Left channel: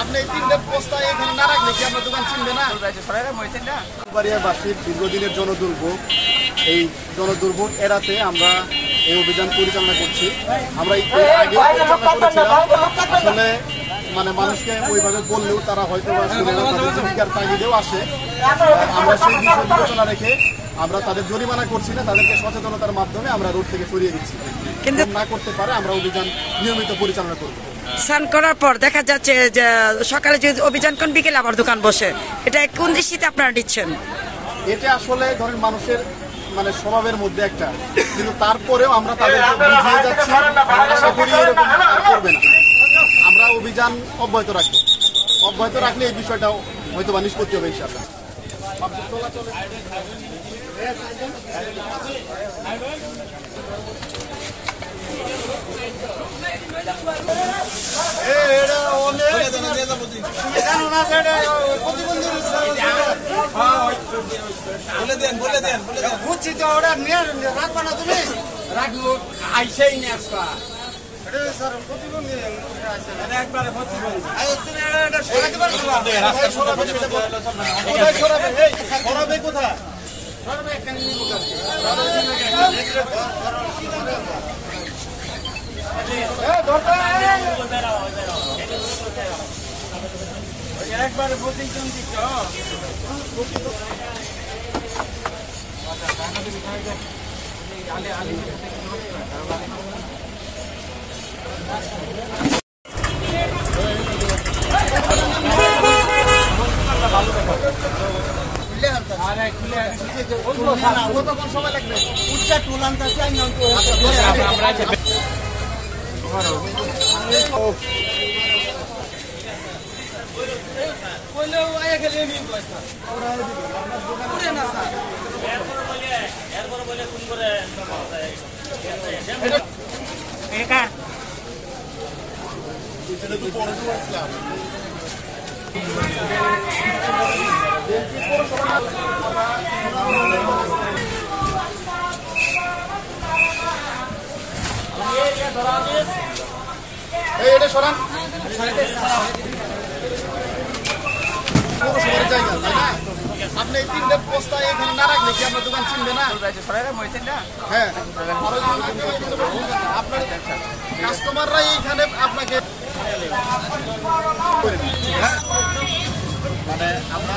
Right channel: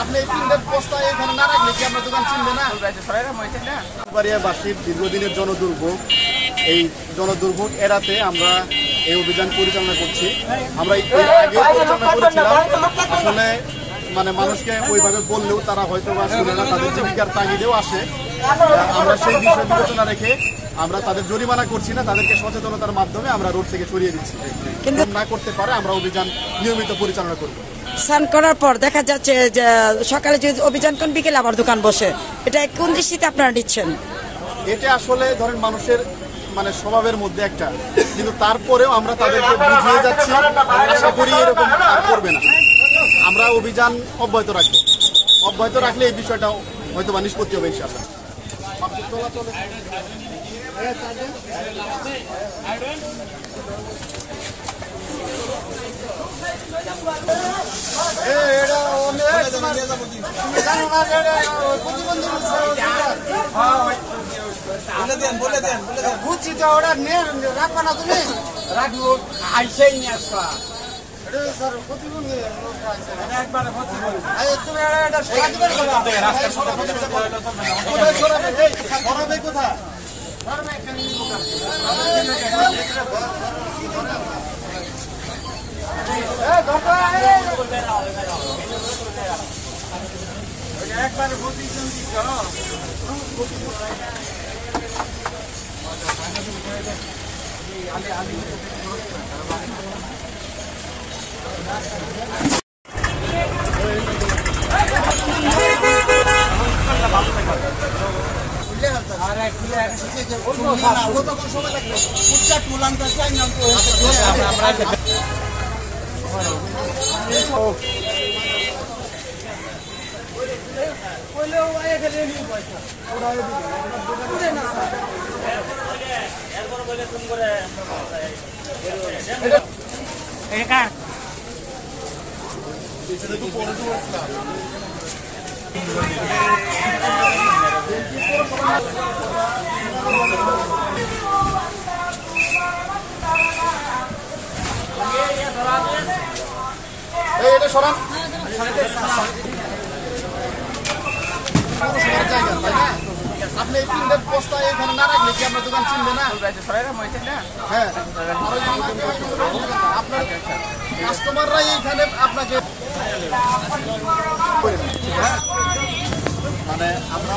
আপনি এই তিনটে বস্তা এখানে না রাখলে কি আপনার দোকান চিনবে না? বাড়িয়াবাসীর দীর্ঘদিনের জনদুর্ভোগ, এই জনদুর্ভোগ এড়াতে আমরা এই অভিযান পরিচালনা করছি। আমরা এর আগে পরিচালনা করেছিলাম, আসলে মানে মানুষকে ওইভাবে বললেও তারা হয়তো বা শুনে না, তাদের জীবিকার তাগিদেও আছে। আমরা সেই বিষয় বিবেচনা রেখে আমরা তাদের জরিমানা করছি না, তাদেরকে সচেতনতার মাধ্যমে আমরা রোড থেকে সরিয়ে দিচ্ছি। কিন্তু না করতে পারে আমরা অভিযান নিয়মিত পরিচালনা করব। স্নান করার পর দেখা যাচ্ছে যে সকালে যদি অভিযান কোন বিকেলে আবার দোকান বসে, এটা কোন দৃষ্টিতে আপনারা দিচ্ছেন? এটা আসলে ধরেন মানুষের মানে স্বভাবের মধ্যে একটা, কিন্তু তারপরেও আমরা তাদেরকে বুঝিয়ে যাচ্ছি, আশা করি এরকম আর করবে না। আমরা অভিযান অব্যাহত রাখবো, অব্যাহত রাখলে এই বিষয়টা হয়তো বা নিষ্পত্তি হবে ইনশাআল্লাহ। বলে দেন বুঝছি তো, ওরা নিয়ে রাখবো না, তুমি রাখবো আইসেই নিয়ে আসবা। একবারে প্রতিদিন এটা সরান আপনি এই তিনটে বস্তা এখানে না রাখলে কি আপনার দোকান চিনবে না? হ্যাঁ, আপনার কাস্টমাররাই এইখানে আপনাকে হ্যাঁ, মানে আমরা